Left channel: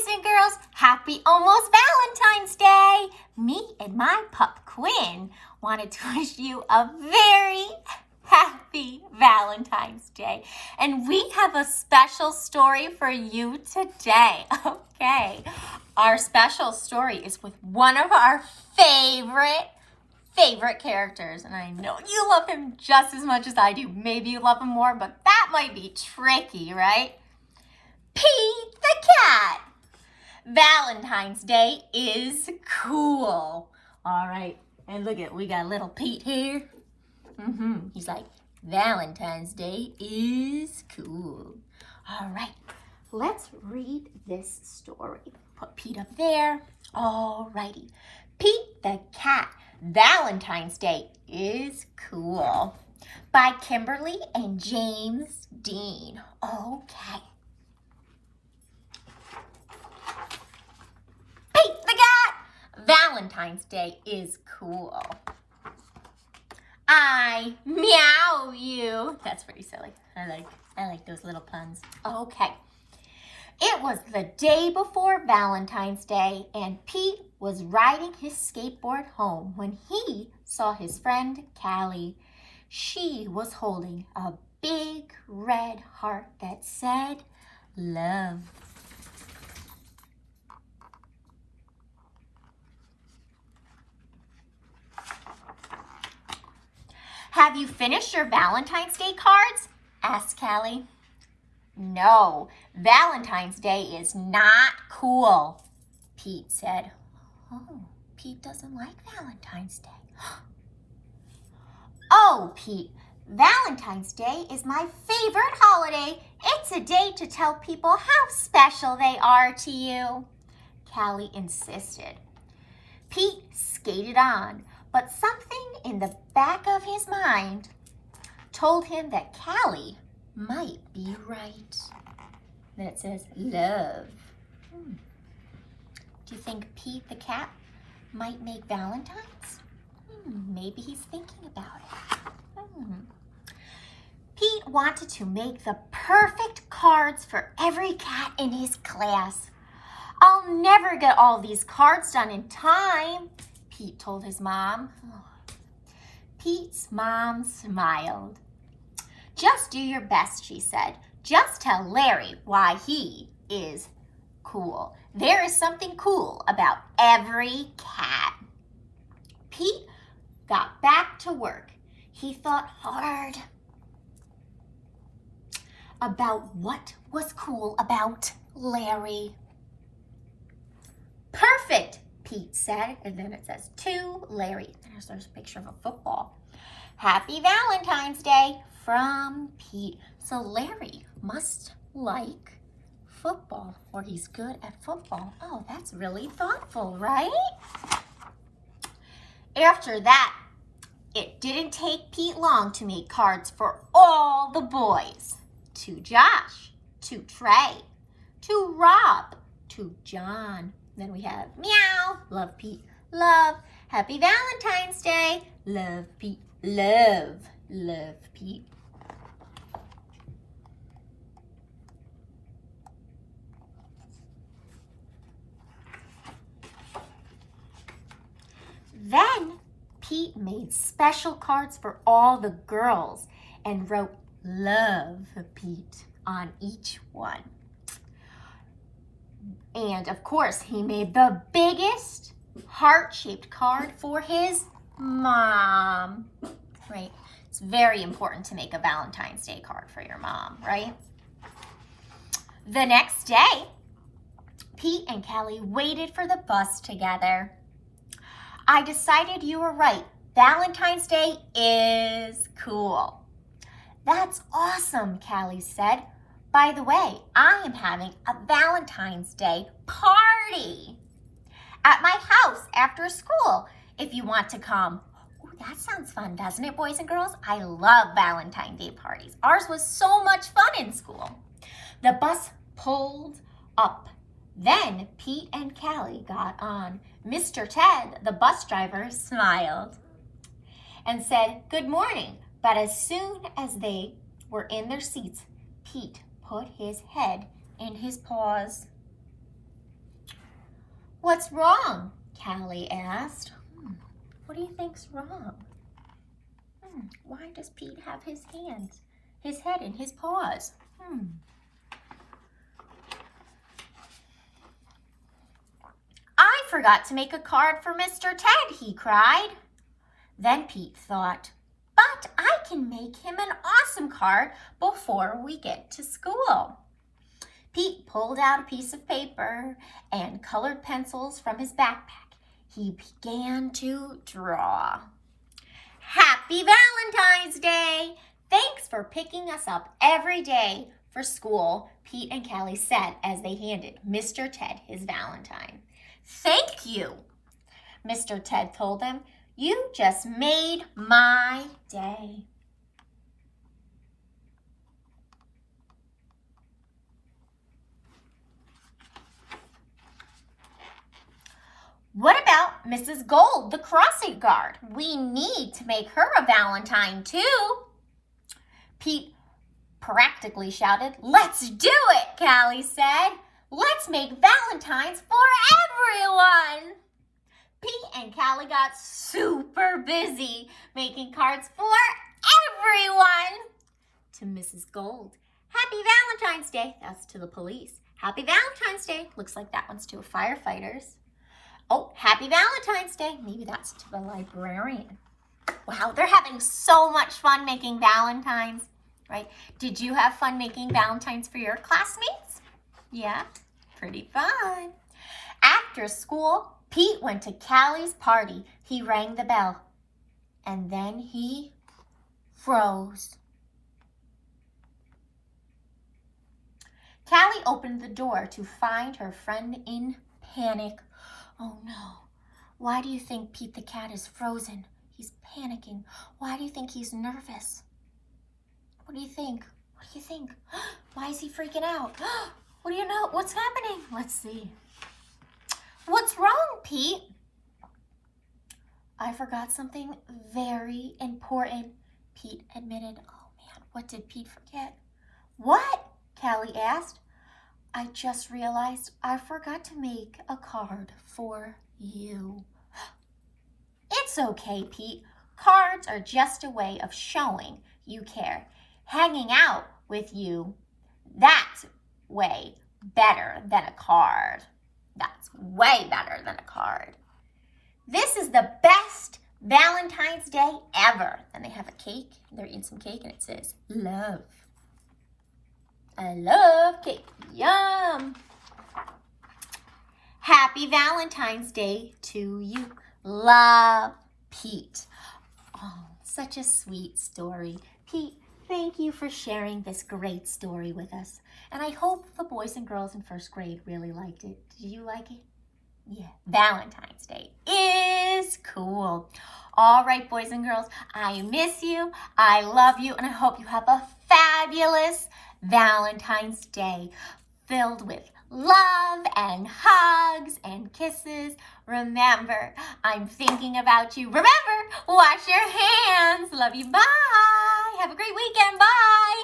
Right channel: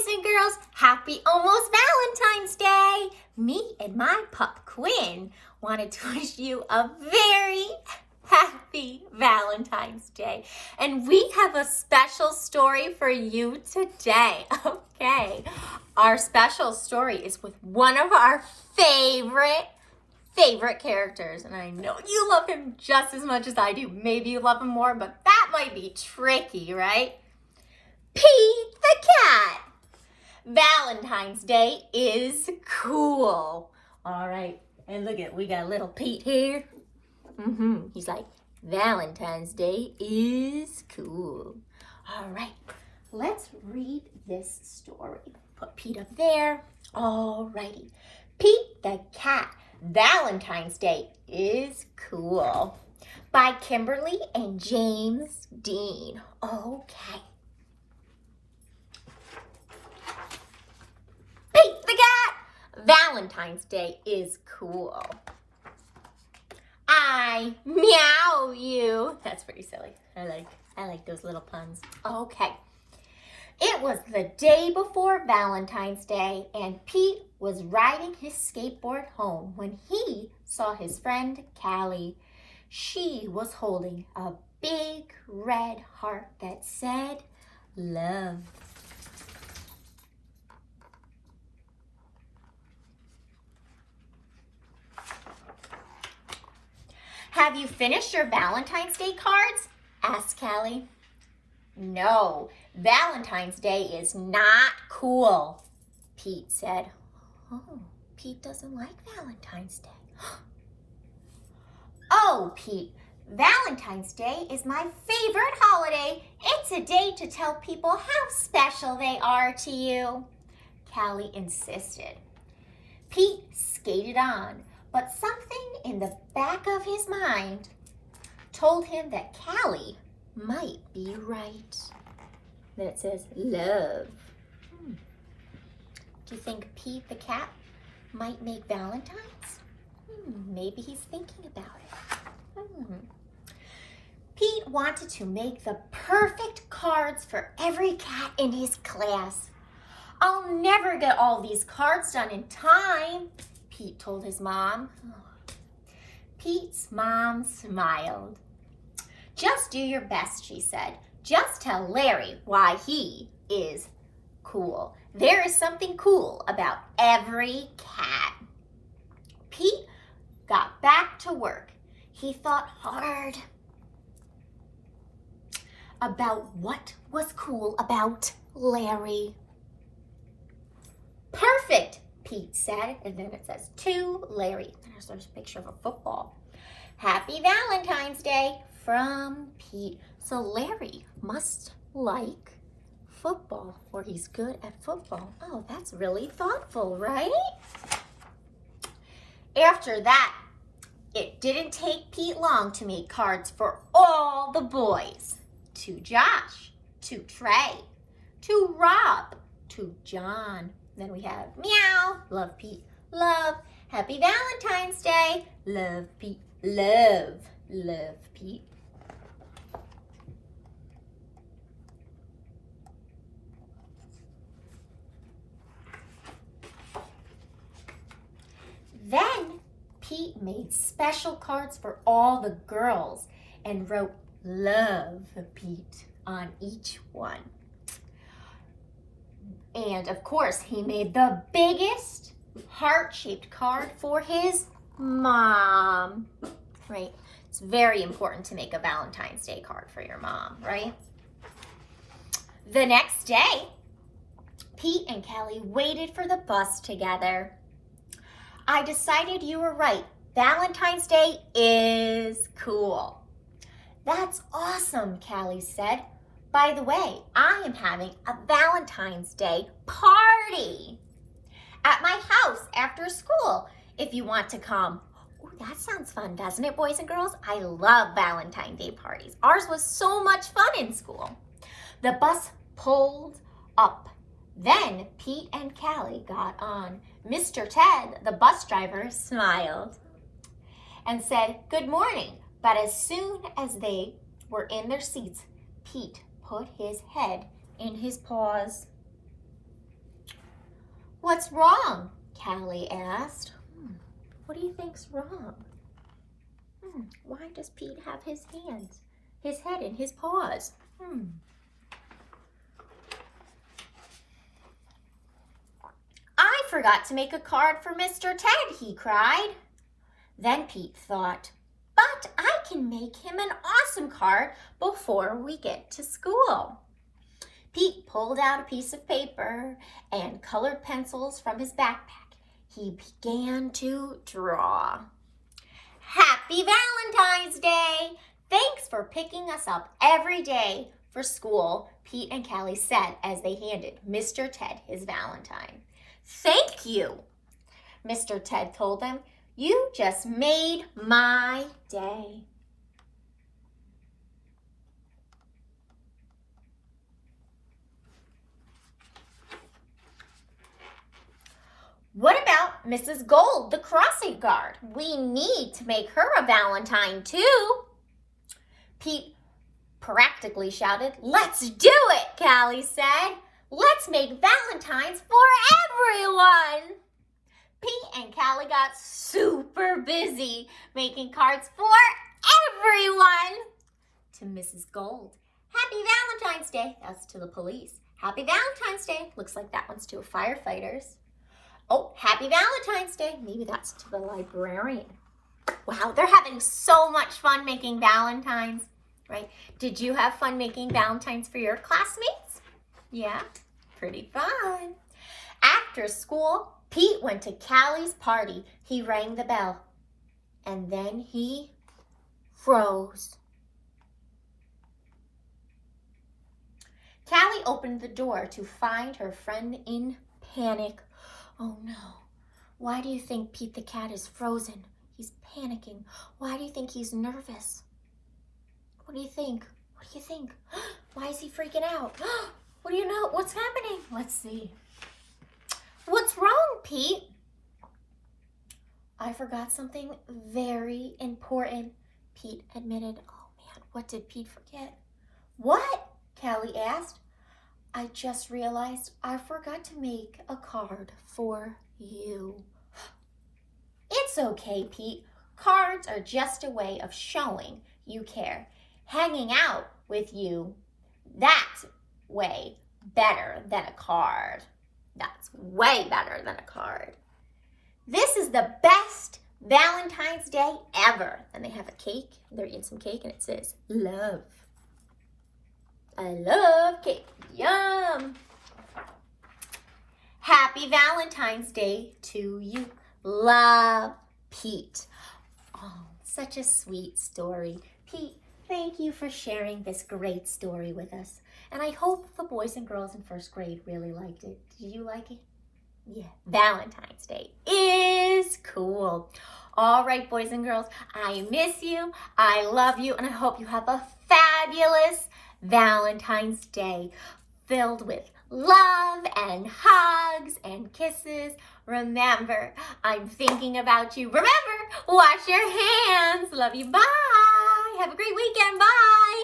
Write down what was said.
boys and girls, happy almost Valentine's Day. Me and my pup Quinn wanted to wish you a very happy Valentine's Day. And we have a special story for you today. Okay, our special story is with one of our favorite characters. And I know you love him just as much as I do. Maybe you love him more, but that might be tricky, right? Pete the cat. Valentine's Day is cool. All right, and look at, we got little Pete here. He's like, Valentine's Day is cool. All right, let's read this story. Put Pete up there. All righty. Pete the cat. Valentine's Day is cool. By Kimberly and James Dean. Okay. Pete the cat. Valentine's Day is cool. I meow you. That's pretty silly. I like those little puns. Okay. It was the day before Valentine's Day, and Pete was riding his skateboard home when he saw his friend Callie. She was holding a big red heart that said, love. Have you finished your Valentine's Day cards? Asked Callie. No, Valentine's Day is not cool, Pete said. Oh, Pete doesn't like Valentine's Day. Oh, Pete, Valentine's Day is my favorite holiday. It's a day to tell people how special they are to you, Callie insisted. Pete skated on, but something in the back of his mind told him that Callie might be right. Then it says love. Do you think Pete the cat might make Valentine's? Maybe he's thinking about it. Pete wanted to make the perfect cards for every cat in his class. I'll never get all these cards done in time, Pete told his mom. Pete's mom smiled. Just do your best, she said. Just tell Larry why he is cool. There is something cool about every cat. Pete got back to work. He thought hard about what was cool about Larry. Perfect, Pete said, and then it says to Larry. There's a picture of a football. Happy Valentine's Day from Pete. So Larry must like football, or he's good at football. Oh, that's really thoughtful, right? After that, it didn't take Pete long to make cards for all the boys. To Josh, to Trey, to Rob, to John. Then we have meow, love Pete, love, happy Valentine's Day, love Pete, love Pete. Then Pete made special cards for all the girls and wrote love Pete on each one. And of course, he made the biggest heart-shaped card for his mom, right? It's very important to make a Valentine's Day card for your mom, right? The next day, Pete and Callie waited for the bus together. I decided you were right. Valentine's Day is cool. That's awesome, Callie said. By the way, I am having a Valentine's Day party at my house after school if you want to come. Ooh, that sounds fun, doesn't it, boys and girls? I love Valentine's Day parties. Ours was so much fun in school. The bus pulled up. Then Pete and Callie got on. Mr. Ted, the bus driver, smiled and said, good morning. But as soon as they were in their seats, Pete put his head in his paws. What's wrong? Callie asked. What do you think's wrong? Why does Pete have his head in his paws? I forgot to make a card for Mr. Ted, he cried. Then Pete thought, but I can make him an awesome card before we get to school. Pete pulled out a piece of paper and colored pencils from his backpack. He began to draw. Happy Valentine's Day! Thanks for picking us up every day for school, Pete and Callie said as they handed Mr. Ted his Valentine. Thank you, Mr. Ted told them. You just made my day. What about Mrs. Gold, the crossing guard? We need to make her a Valentine too. Pete practically shouted. Let's do it, Callie said. Let's make Valentines for everyone. Pete and Callie got super busy making cards for everyone. To Mrs. Gold, Happy Valentine's Day. That's to the police. Happy Valentine's Day. Looks like that one's to firefighters. Oh, Happy Valentine's Day. Maybe that's to the librarian. Wow, they're having so much fun making Valentines, right? Did you have fun making Valentines for your classmates? Yeah, pretty fun. After school, Pete went to Callie's party. He rang the bell, and then he froze. Callie opened the door to find her friend in panic. Oh no, why do you think Pete the cat is frozen? He's panicking. Why do you think he's nervous? What do you think? What do you think? Why is he freaking out? What do you know? What's happening? Let's see. What's wrong, Pete? I forgot something very important, Pete admitted. Oh man, what did Pete forget? What? Callie asked. I just realized I forgot to make a card for you. It's okay, Pete. Cards are just a way of showing you care. Hanging out with you, that's way better than a card. That's way better than a card. This is the best Valentine's Day ever. And they have a cake. They're eating some cake and it says, love. I love cake. Yum. Happy Valentine's Day to you. Love, Pete. Oh, such a sweet story. Pete, thank you for sharing this great story with us. And I hope the boys and girls in first grade really liked it. Did you like it? Yeah, Valentine's Day is cool. All right, boys and girls, I miss you. I love you. And I hope you have a fabulous Valentine's Day filled with love and hugs and kisses. Remember, I'm thinking about you. Remember, wash your hands. Love you. Bye. Have a great weekend. Bye.